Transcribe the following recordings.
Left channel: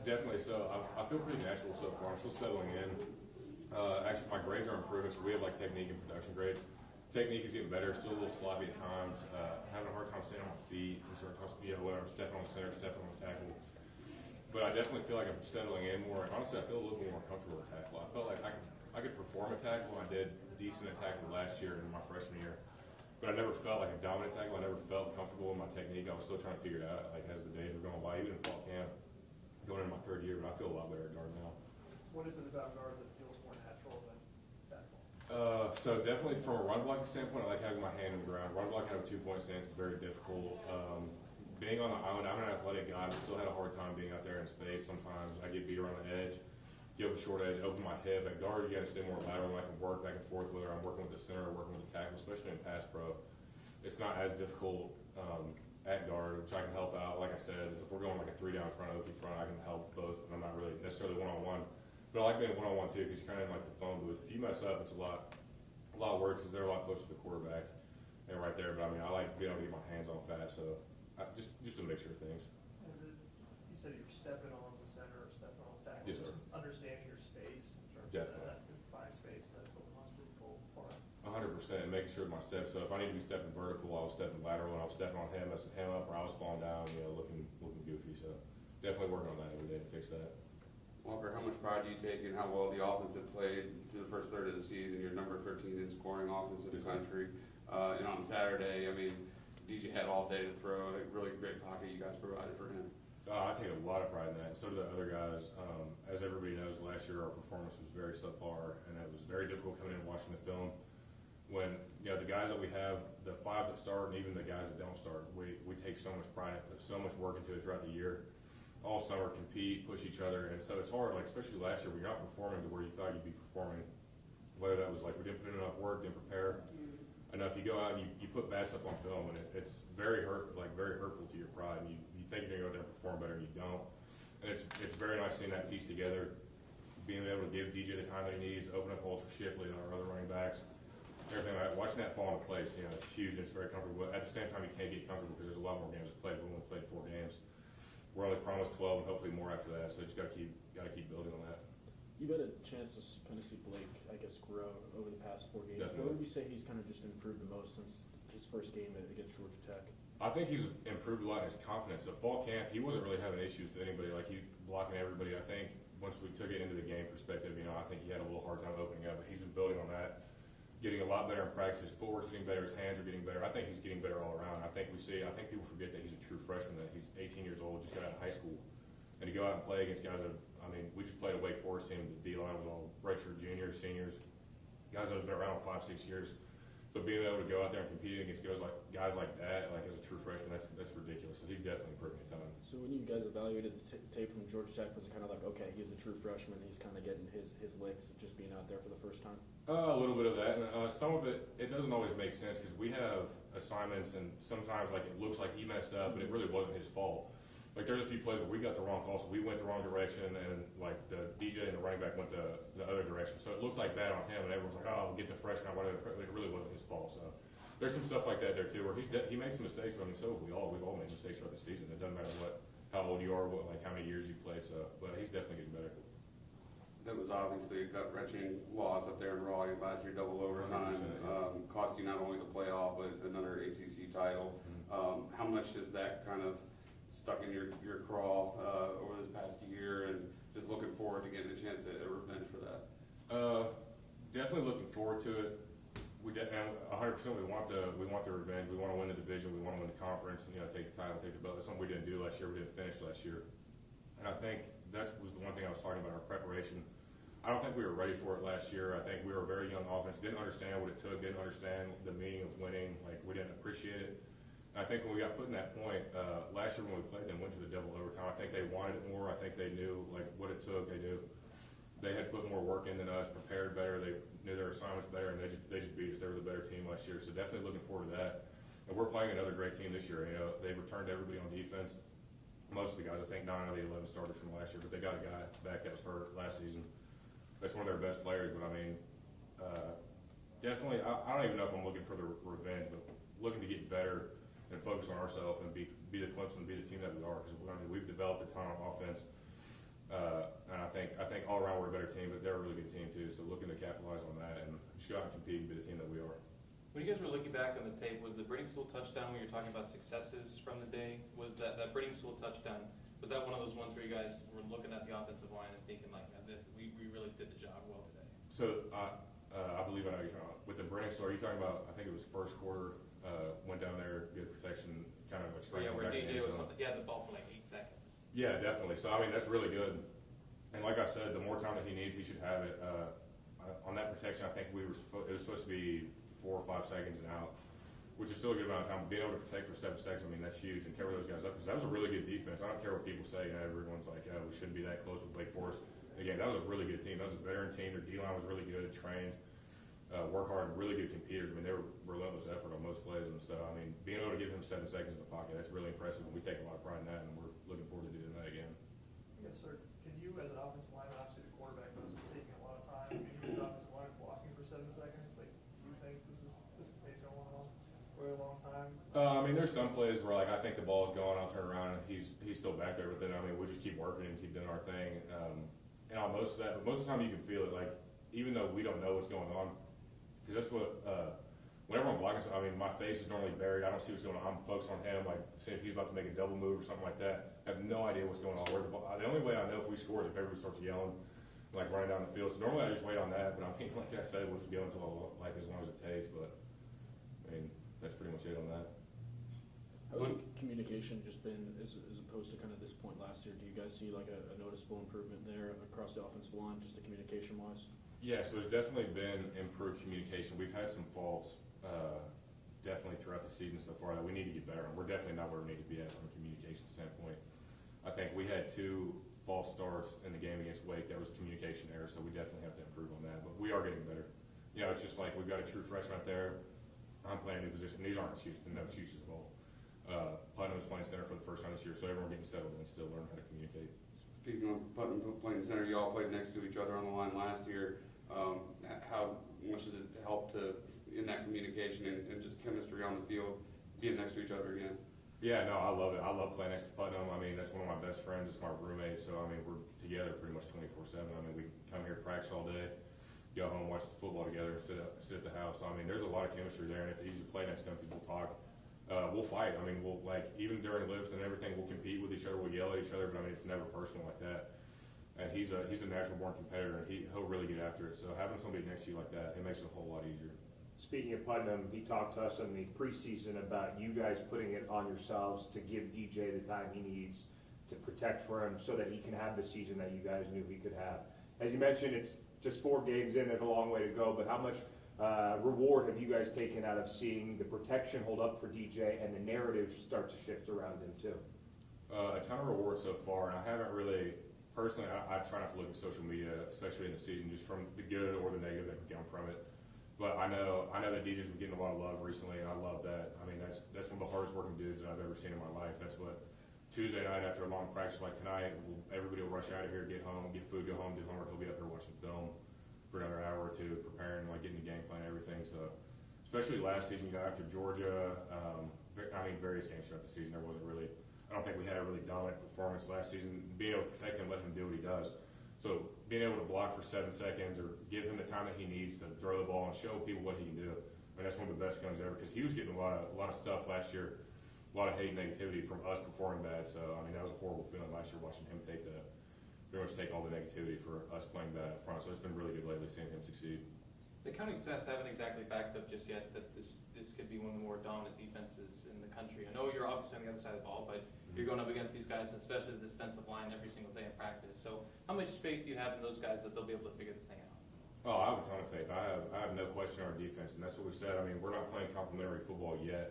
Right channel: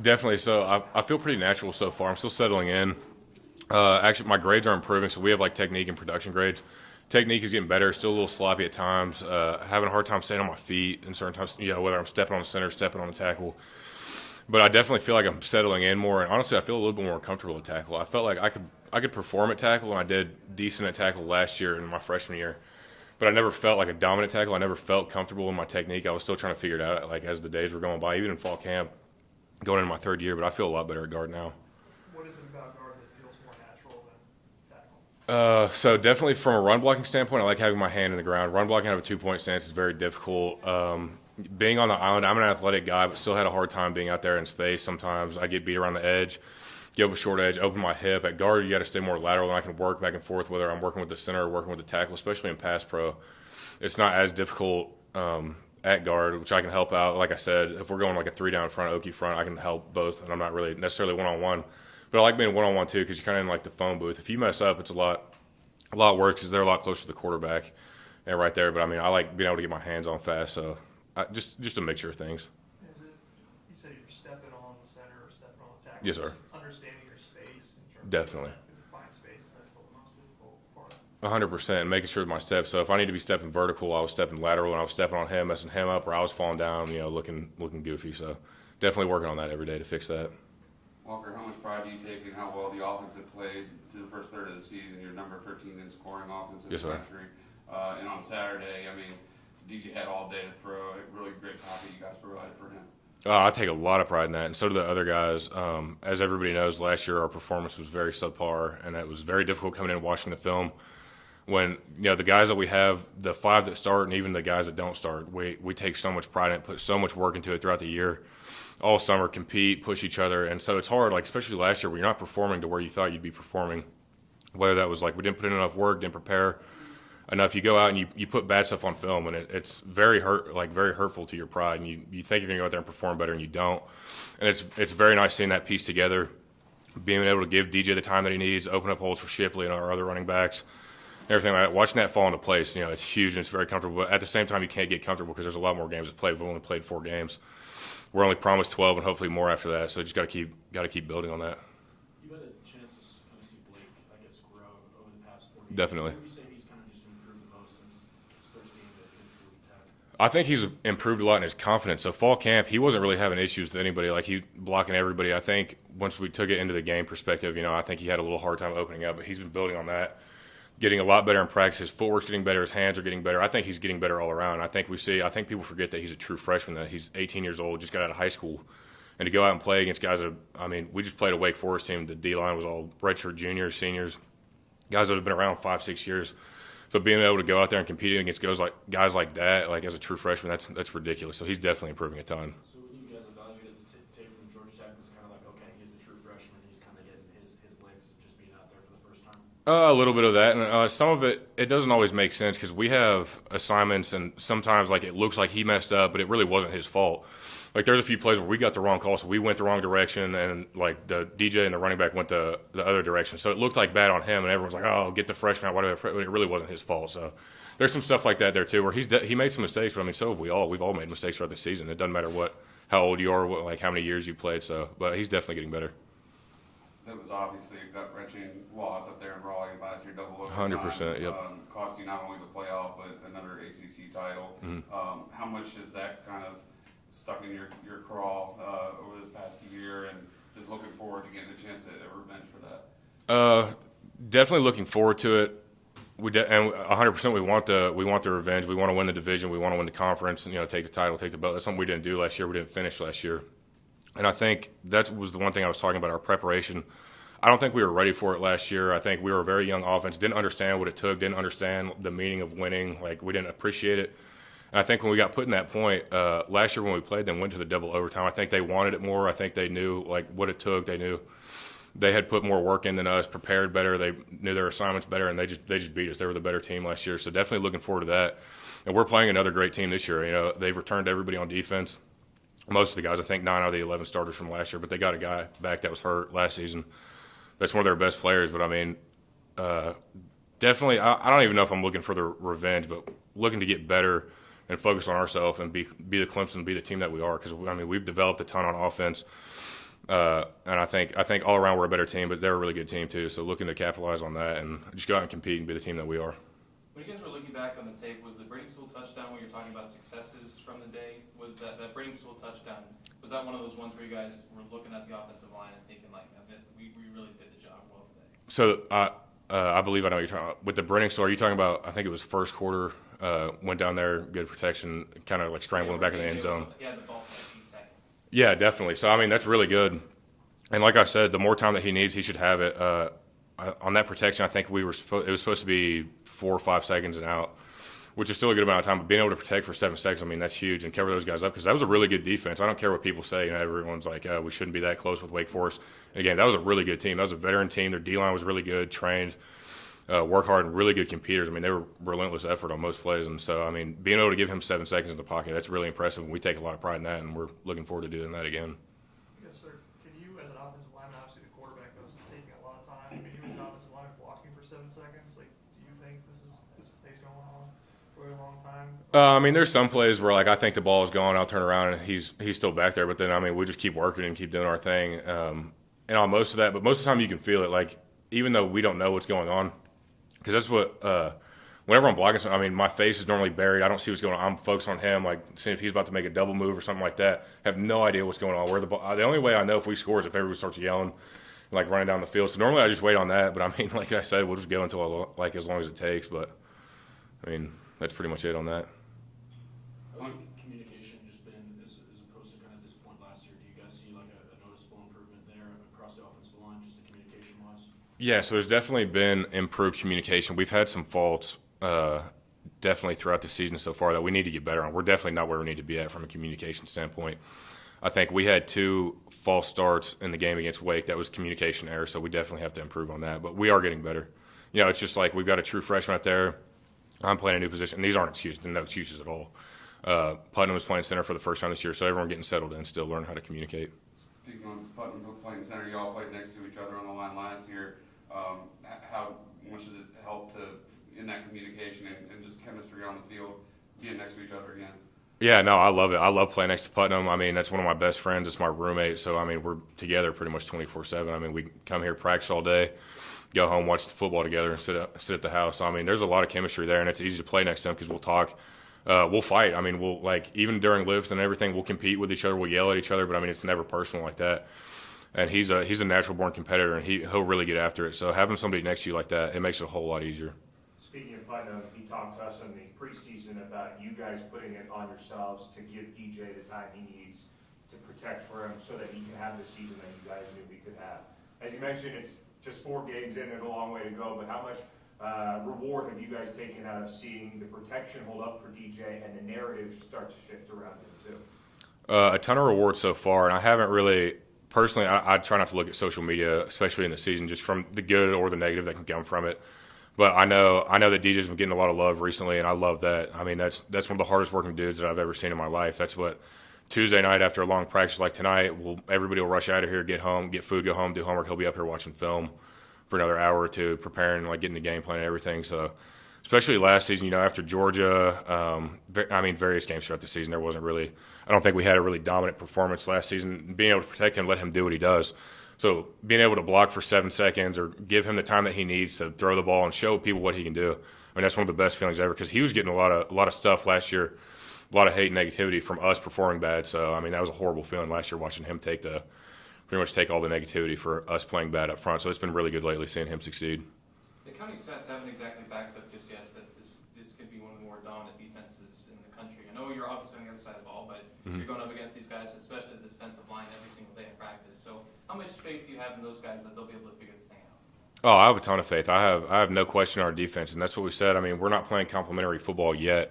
Definitely. So I feel pretty natural so far. I'm still settling in. Actually, my grades are improving. So we have like technique and production grades. Technique is getting better. Still a little sloppy at times. Having a hard time staying on my feet and certain times. Whether I'm stepping on the center, stepping on the tackle. But I definitely feel like I'm settling in more. And honestly, I feel a little bit more comfortable at tackle. I felt like I could perform at tackle, and I did decent at tackle last year in my freshman year. But I never felt like a dominant tackle. I never felt comfortable in my technique. I was still trying to figure it out like as the days were going by, even in fall camp, going into my third year. But I feel a lot better at guard now. What is it about guard that feels more natural than tackle? So definitely from a run blocking standpoint, I like having my hand in the ground. Run blocking out of a 2-point stance is very difficult. Being on the island, I'm an athletic guy, but still had a hard time being out there in space. Sometimes I get beat around the edge, give a short edge, open my hip. At guard, you got to stay more lateral, and I can work back and forth, whether I'm working with the center or working with the tackle, especially in pass pro. It's not as difficult at guard, which I can help out. Like I said, if we're going like a 3-down front, Okie front, I can help both, and I'm not really necessarily one-on-one. But I like being one-on-one too because you're kind of in like the phone booth. If you mess up, it's a lot worse because they're a lot closer to the quarterback and right there. But I mean, I like being able to get my hands on fast, so just a mixture of things. You said you're stepping on the center or stepping on the tackle. Yes, sir. Understanding your space. Definitely. Find space. That's the most difficult part. 100%, making sure my steps. So if I need to be stepping vertical, I was stepping lateral, and I was stepping on him, messing him up, or I was falling down, looking goofy. So definitely working on that every day to fix that. Walker, how much pride do you take in how well the offense had played through the first third of the season? You're number 13 in scoring offense in Yes, the sir. country. And on Saturday, I mean, DJ had all day to throw. A really great copy you guys provided for him. I take a lot of pride in that, and so do the other guys. As everybody knows, last year our performance was very subpar, and it was very difficult coming in and watching the film. When the guys that we have, the 5 that start, and even the guys that don't start, we take so much pride in it, put so much work into it throughout the year, all summer, compete, push each other, and so it's hard. Like especially last year, when you're not performing to where you thought you'd be performing, whether that was like we didn't put in enough work, didn't prepare enough. You go out and you put bad stuff on film, and it's very hurtful to your pride, and you think you're gonna go out there and perform better, and you don't. And it's very nice seeing that piece together, being able to give DJ the time that he needs, open up holes for Shipley and our other running backs, everything like that. Watching that fall into place, it's huge and it's very comfortable. But at the same time, you can't get comfortable because there's a lot more games to play. We've only played 4 games. We're only promised 12 and hopefully more after that. So just got to keep building on that. You've had a chance to kind of see Blake, I guess, grow over the past 4 games. Definitely. Who would you say he's kind of just improved the most since his first game against Georgia Tech? I think he's improved a lot in his confidence. So fall camp, he wasn't really having issues with anybody. Like he blocking everybody. I think once we took it into the game perspective, I think he had a little hard time opening up, but he's been building on that, getting a lot better in practice. His footwork's getting better. His hands are getting better. I think he's getting better all around. I think people forget that he's a true freshman, that he's 18 years old, just got out of high school. And to go out and play against guys that, we just played a Wake Forest team. The D-line was all redshirt juniors, seniors, guys that have been around 5-6 years. So being able to go out there and compete against guys like that, like as a true freshman, that's ridiculous. So he's definitely improving a ton. So when you guys evaluated the tape from Georgia Tech, was it kind of like, okay, he's a true freshman, he's kind of getting his legs just being out there for the first time? A little bit of that, and some of it doesn't always make sense because we have assignments, and sometimes like it looks like he messed up, but it really wasn't his fault. Like there's a few plays where we got the wrong call, so we went the wrong direction, and like the DJ and the running back went the other direction. So it looked like bad on him, and everyone's like, "Oh, get the freshman out." Whatever. But it really wasn't his fault. So there's some stuff like that there too, where he made some mistakes, but so have we all. We've all made mistakes throughout the season. It doesn't matter how old you are, how many years you played. So, but he's definitely getting better. That was obviously a gut-wrenching loss up there in Raleigh last year, double overtime. 100%, yep. Cost you not only the playoff, but another ACC title. Mm-hmm. How much has that kind of stuck in your crawl over this past year, and just looking forward to getting a chance at a revenge for that? Definitely looking forward to it. And 100% we want the revenge. We want to win the division. We want to win the conference and take the title, take the belt. That's something we didn't do last year. We didn't finish last year. And I think that was the one thing I was talking about, our preparation. I don't think we were ready for it last year. I think we were a very young offense, didn't understand what it took, didn't understand the meaning of winning. Like, we didn't appreciate it. And I think when we got put in that point, last year when we played them, went to the double overtime, I think they wanted it more. I think they knew, what it took. They knew they had put more work in than us, prepared better. They knew their assignments better, and they just beat us. They were the better team last year. So definitely looking forward to that. And we're playing another great team this year. They've returned everybody on defense. Most of the guys, I think 9 out of the 11 starters from last year, but they got a guy back that was hurt last season. That's one of their best players. But, definitely, I don't even know if I'm looking for the revenge, but looking to get better and focus on ourselves and be the Clemson, be the team that we are. Because, we've developed a ton on offense. And I think all around we're a better team, but they're a really good team too. So looking to capitalize on that and just go out and compete and be the team that we are. When you guys were looking back on the tape, was the Bradenstool touchdown when you're talking about successes from the day, was that Bradenstool touchdown, was that one of those ones where you guys were looking at the offensive line and thinking like, we really did the job well today? So I believe I know what you're talking about. With the Bradenstool, are you talking about, I think it was first quarter, went down there, good protection, kind of like scrambling back in the end zone. Yeah, the ball for like 8 seconds. Yeah, definitely. So, I mean, that's really good. And like I said, the more time that he needs, he should have it. On that protection, I think it was supposed to be 4 or 5 seconds and out, which is still a good amount of time. But being able to protect for 7 seconds, I mean, that's huge, and cover those guys up because that was a really good defense. I don't care what people say. You know, everyone's like, we shouldn't be that close with Wake Forest. Again, that was a really good team. That was a veteran team. Their D-line was really good, trained, work hard, and really good competers. I mean, they were relentless effort on most plays. And so, I mean, being able to give him 7 seconds in the pocket, that's really impressive. And we take a lot of pride in that, and we're looking forward to doing that again. Yes, sir. Can you, as an offensive lineman, obviously the quarterback knows it's taking a lot of time. Can you, as an offensive lineman, blocking for 7 seconds? Like, do you think this play's going on for a long time? I mean, there's some plays where, like, I think the ball is gone, I'll turn around, and he's still back there. But then, I mean, we just keep working and keep doing our thing. And on most of that, but most of the time you can feel it, like, even though we don't know what's going on, because that's what whenever I'm blocking, I mean, my face is normally buried. I don't see what's going on. I'm focused on him, like seeing if he's about to make a double move or something like that. I have no idea what's going on. Where the ball? The only way I know if we score is if everybody starts yelling, like running down the field. So normally I just wait on that. But I mean, like I said, we'll just go until as long as it takes. But I mean, that's pretty much it on that. How's communication just been as opposed to kind of this point last year? Do you guys see like a noticeable improvement there across the offensive line, just the communication wise? Yeah, so there's definitely been improved communication. We've had some faults definitely throughout the season so far that we need to get better on. We're definitely not where we need to be at from a communication standpoint. I think we had 2 false starts in the game against Wake. That was communication error, so we definitely have to improve on that. But we are getting better. You know, it's just like we've got a true freshman out there. I'm playing a new position. These aren't excuses. They're no excuses at all. Putnam was playing center for the first time this year, so everyone getting settled in, still learning how to communicate. Speaking of Putnam playing center, you all played next to each other on the line last year. How much does it help in that communication and just chemistry on the field, being next to each other again? Yeah, no, I love it. I love playing next to Putnam. I mean, that's one of my best friends. It's my roommate. So, I mean, we're together pretty much 24/7. I mean, we come here, practice all day, go home, watch the football together, and sit at the house. I mean, there's a lot of chemistry there, and it's easy to play next to him because we'll talk. We'll fight. I mean, we'll, like, even during lifts and everything, we'll compete with each other. We'll yell at each other, but, I mean, it's never personal like that. And he's a natural-born competitor, and he'll really get after it. So having somebody next to you like that, it makes it a whole lot easier. Speaking of Putnam, he talked to us in the preseason about you guys putting it on yourselves to give DJ the time he needs to protect for him so that he can have the season that you guys knew he could have. As you mentioned, it's just 4 games in, there's a long way to go, but how much reward have you guys taken out of seeing the protection hold up for DJ and the narrative start to shift around him too? A ton of rewards so far, and I haven't really – personally, I try not to look at social media, especially in the season, just from the good or the negative that can come from it. But I know that DJ's been getting a lot of love recently, and I love that. I mean, that's one of the hardest working dudes that I've ever seen in my life. That's what Tuesday night after a long practice like tonight, everybody will rush out of here, get home, get food, go home, do homework. He'll be up here watching film for another hour or two, preparing, like getting the game plan and everything. So, especially last season, you know, after Georgia, I mean, various games throughout the season, there wasn't really – I don't think we had a really dominant performance last season. Being able to protect him, let him do what he does. So being able to block for 7 seconds or give him the time that he needs to throw the ball and show people what he can do, I mean, that's one of the best feelings ever because he was getting a lot of stuff last year, a lot of hate and negativity from us performing bad. So, I mean, that was a horrible feeling last year watching him pretty much take all the negativity for us playing bad up front. So it's been really good lately seeing him succeed. The counting stats haven't exactly backed up just yet that this could be one of the more dominant defenses in the country. I know you're obviously on the other side of the ball, but you're going up against these guys, especially the defensive line, every single day in practice. So how much faith do you have in those guys that they'll be able to figure this thing out? Oh, I have a ton of faith. I have no question in our defense, and that's what we said. I mean, we're not playing complimentary football yet,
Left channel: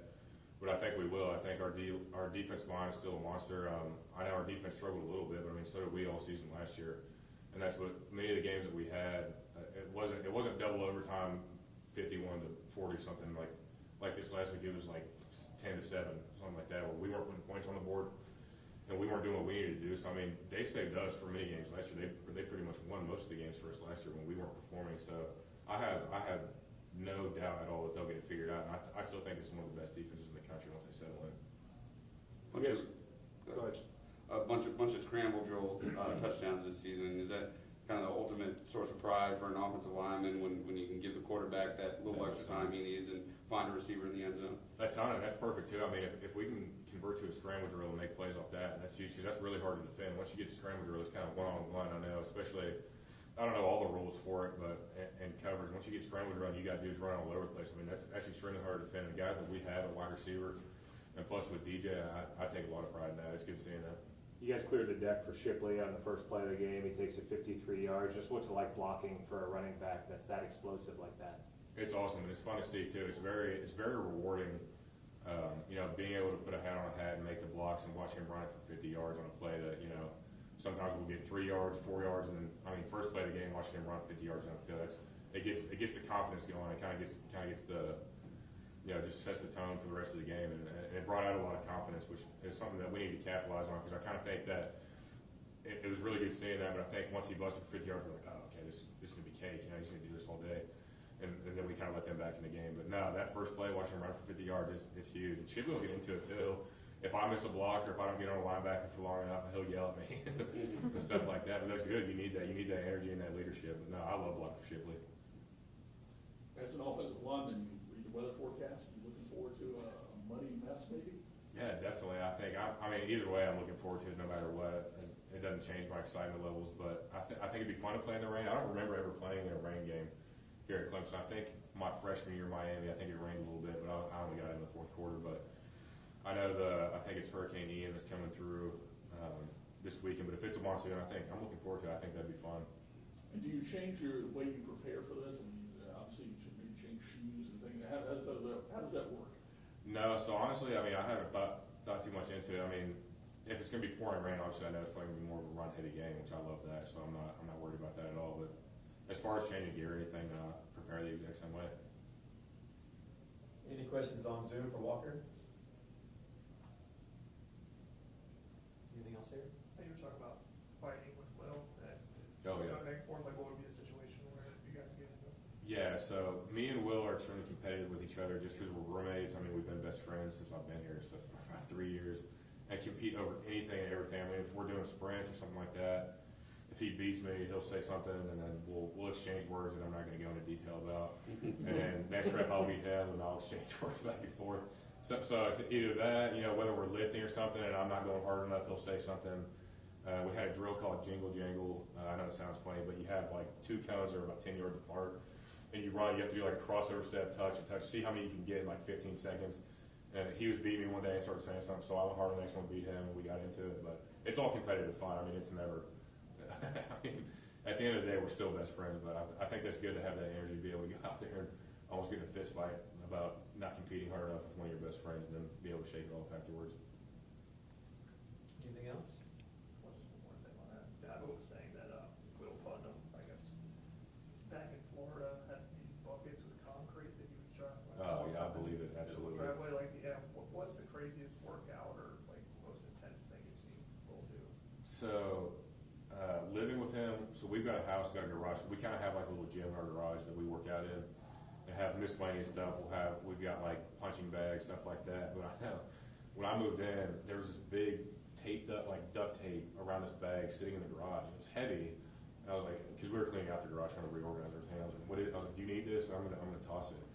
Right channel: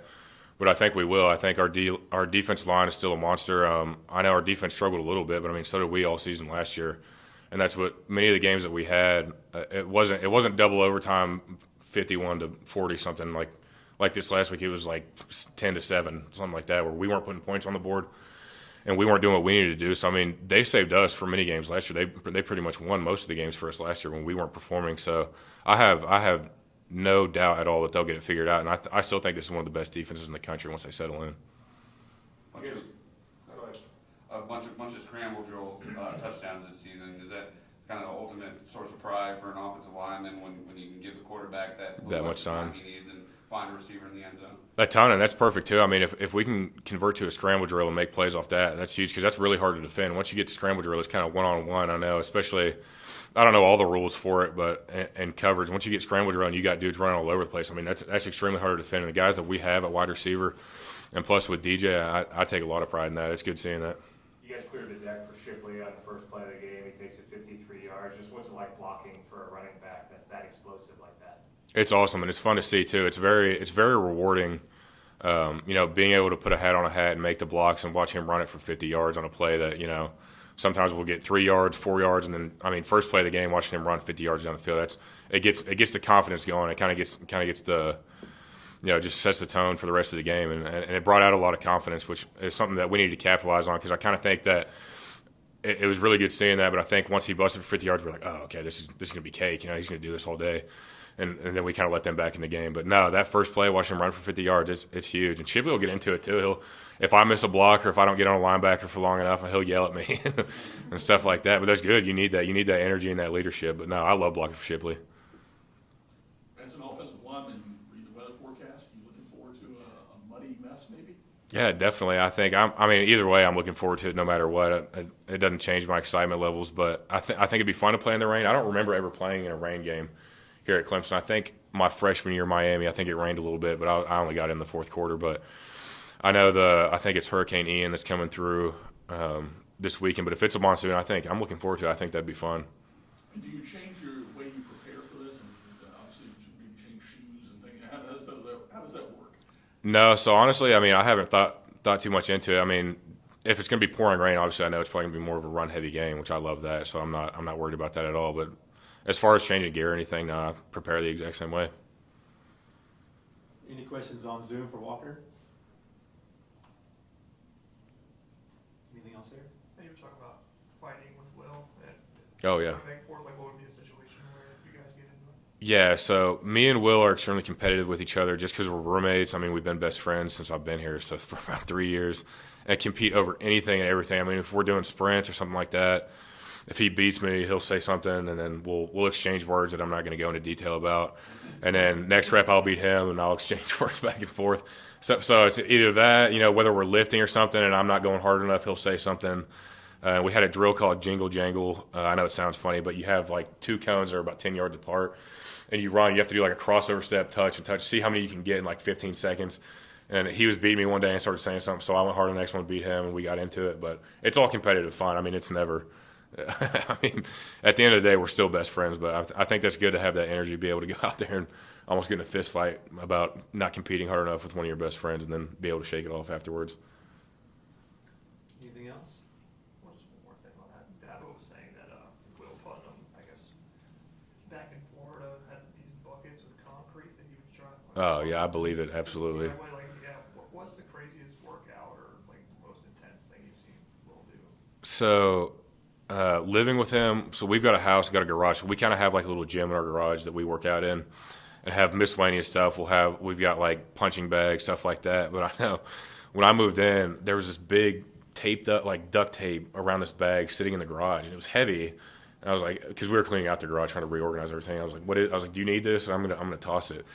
but I think we will. I think our defensive line is still a monster. I know our defense struggled a little bit, but I mean, so did we all season last year. And that's what many of the games that we had. It wasn't double overtime, 51-40 something like this last week. It was like 10-7, something like that, where we weren't putting points on the board, and we weren't doing what we needed to do. So I mean, they saved us for many games last year. They pretty much won most of the games for us last year when we weren't performing. So I have no doubt at all that they'll get it figured out, and I still think this is one of the best defenses in the country once they settle in. Go ahead. A bunch of scramble drill touchdowns this this season. Is that kind of the ultimate source of pride for an offensive lineman when you can give the quarterback that little much time he needs and find a receiver in the end zone? A ton, and that's perfect too. I mean, if we can convert to a scramble drill and make plays off that, that's huge because that's really hard to defend. Once you get to scramble drill, it's kind of one-on-one. I know, especially, I don't know all the rules for it, but and coverage. Once you get scramble drill and you got dudes running all over the place, I mean, that's extremely hard to defend. And the guys that we have at wide receiver, and plus with DJ, I take a lot of pride in that. It's good seeing that. You guys cleared the deck for Shipley on the first play of the game. He takes it 53 yards. Just what's it like blocking for a running back that's that explosive like that? It's awesome, and it's fun to see too. It's very rewarding, being able to put a hat on a hat and make the blocks and watch him run it for 50 yards on a play that, sometimes we'll get 3 yards, 4 yards, and then, first play of the game, watching him run 50 yards down the field, it gets the confidence going. It kind of gets the, just sets the tone for the rest of the game, and it brought out a lot of confidence, which is something that we need to capitalize on because I kind of think that it was really good seeing that, but I think once he busted for 50 yards, we're like, oh, okay, this is going to be cake. He's going to do this all day. And then we kind of let them back in the game. But no, that first play, watching him run for 50 yards, it's huge. And Shipley will get into it too. If I miss a block or if I don't get on a linebacker for long enough, he'll yell at me and stuff like that. But that's good. You need that. You need that energy and that leadership. But no, I love blocking for Shipley. As an offensive lineman, read the weather forecast. You looking forward to a muddy mess, maybe? Yeah, definitely. I think either way, I'm looking forward to it no matter what. It doesn't change my excitement levels, but I think it'd be fun to play in the rain. I don't remember ever playing in a rain game here at Clemson. I think my freshman year in Miami, I think it rained a little bit, but I only got in the fourth quarter. But I know I think it's Hurricane Ian that's coming through this weekend. But if it's a monsoon, I'm looking forward to it. I think that'd be fun. And do you change your way you prepare for this? And obviously, you should maybe change shoes and things. How does that work? No, so honestly, I haven't thought too much into it. If it's going to be pouring rain, obviously I know it's probably going to be more of a run-heavy game, which I love that. So I'm not worried about that at all. But as far as changing gear or anything, no, I prepare the exact same way. Any questions on Zoom for Walker? Anything else here? You were talking about fighting with Will. Oh, yeah. What would be a situation where you guys get into it? Yeah, so me and Will are extremely competitive with each other just because we're roommates. We've been best friends since I've been here, so for about 3 years, and compete over anything and everything. If we're doing sprints or something like that, if he beats me, he'll say something, and then we'll exchange words that I'm not going to go into detail about. And then next rep, I'll beat him, and I'll exchange words back and forth. So it's either that, whether we're lifting or something, and I'm not going hard enough, he'll say something. We had a drill called Jingle Jangle. I know it sounds funny, but you have like 2 cones that are about 10 yards apart, and you run. You have to do like a crossover step, touch, and touch. See how many you can get in like 15 seconds. And he was beating me one day and started saying something, so I went hard on the next one, beat him, and we got into it. But it's all competitive fun. It's never – at the end of the day, we're still best friends. But I think that's good to have that energy, be able to go out there and almost get in a fist fight about not competing hard enough with one of your best friends and then be able to shake it off afterwards. Anything else? Well, just one more thing on that. Dabo was saying that Will Putnam, I guess, back in Florida, had these buckets with concrete that he was trying. Oh, yeah, I believe it, absolutely. What's the craziest workout or like most intense thing you've seen Will do? So living with him, so we've got a house, got a garage. We kind of have like a little gym in our garage that we work out in and have miscellaneous stuff. We've got like punching bags, stuff like that. But I know when I moved in, there was this big taped up, like duct tape around this bag sitting in the garage, and it was heavy. And I was like, because we were cleaning out the garage, trying to reorganize everything. I was like, do you need this? And I'm gonna toss it.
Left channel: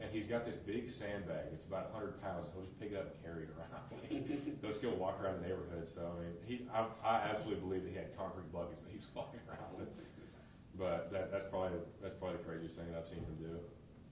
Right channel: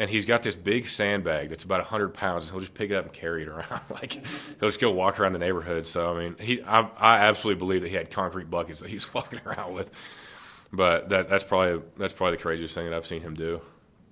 And he's got this big sandbag that's about 100 pounds. And he'll just pick it up and carry it around. Like he'll just go walk around the neighborhood. So I absolutely believe that he had concrete buckets that he was walking around with. But that's probably the craziest thing that I've seen him do.